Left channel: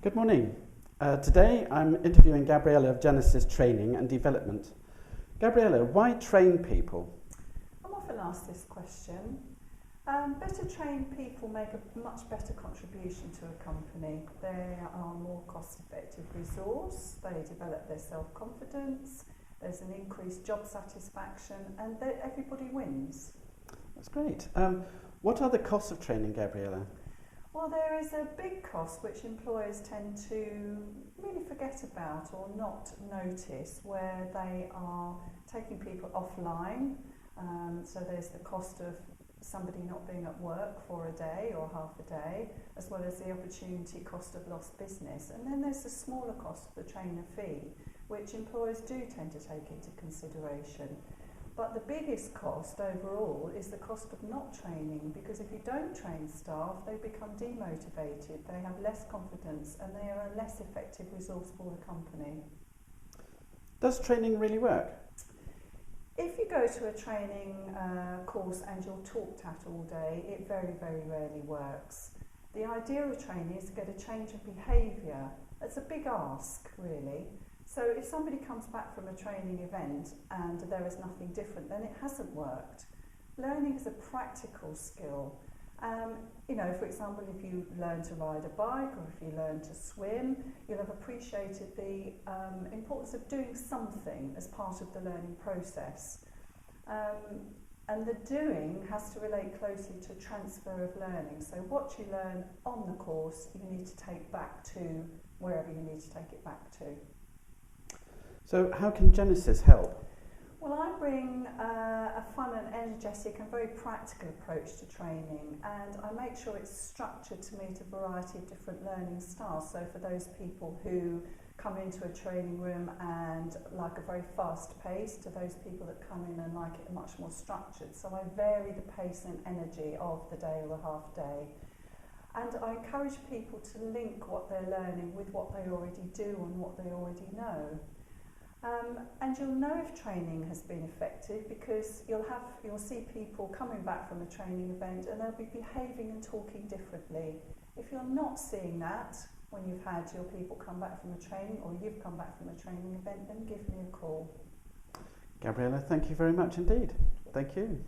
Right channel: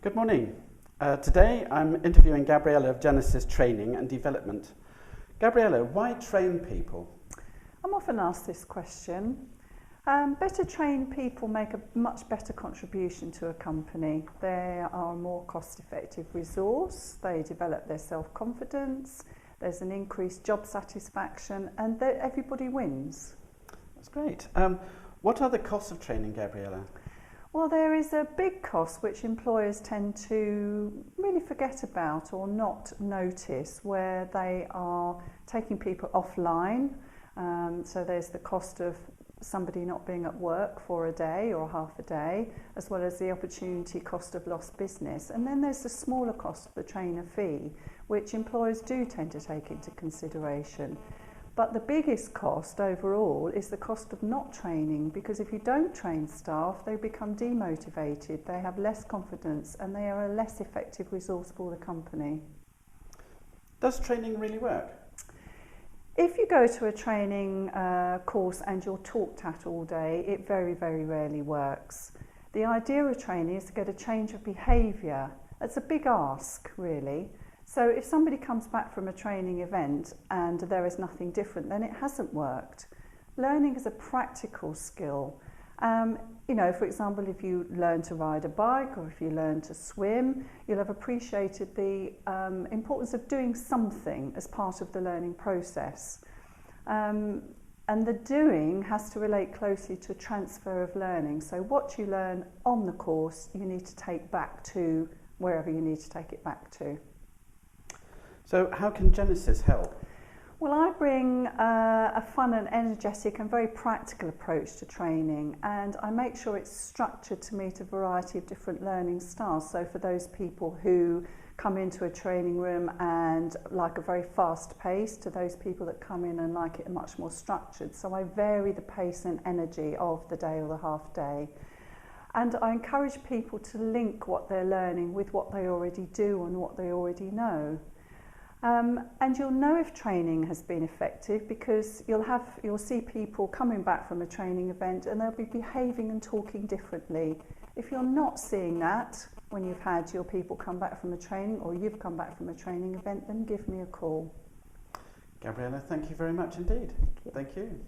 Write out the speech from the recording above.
Good morning. Today I'm interviewing Gabriella of GenesisTraining and Development. Gabriella, why train people? I'm often asked this question. Better trained people make a much better contribution to a company. They are a more cost-effective resource, they develop their self-confidence, there's an increased job satisfaction, and everybody wins. That's great. What are the costs of training, Gabriella? Well, there is a big cost which employers tend to really forget about or not notice, where they are taking people offline. So there's the cost of somebody not being at work for a day or half a day, as well as the opportunity cost of lost business. And then there's the smaller cost of the trainer fee, which employers do tend to take into consideration. But the biggest cost overall is the cost of not training, because if you don't train staff, they become demotivated, they have less confidence, and they are a less effective resource for the company. Does training really work? If you go to a training course and you're talked at all day, it very, very rarely works. The idea of training is to get a change of behaviour. It's a big ask, really. So if somebody comes back from a training event and there is nothing different, then it hasn't worked. Learning is a practical skill. For example, if you learn to ride a bike or if you learn to swim, you'll have appreciated the importance of doing something as part of the learning process. And the doing has to relate closely to transfer of learning. So what you learn on the course, you need to take back to wherever you need to take it back to. So how can Genesis help? Well, I bring a fun and energetic and very practical approach to training, and I make sure it's structured to meet a variety of different learning styles. So for those people who come into a training room and like a very fast pace, to those people that come in and like it much more structured. So I vary the pace and energy of the day or the half day. And I encourage people to link what they're learning with what they already do and what they already know. And you'll know if training has been effective, because you'll see people coming back from a training event and they'll be behaving and talking differently. If you're not seeing that when you've had your people come back from a training, or you've come back from a training event, then give me a call. Gabriella, thank you very much indeed. Thank you.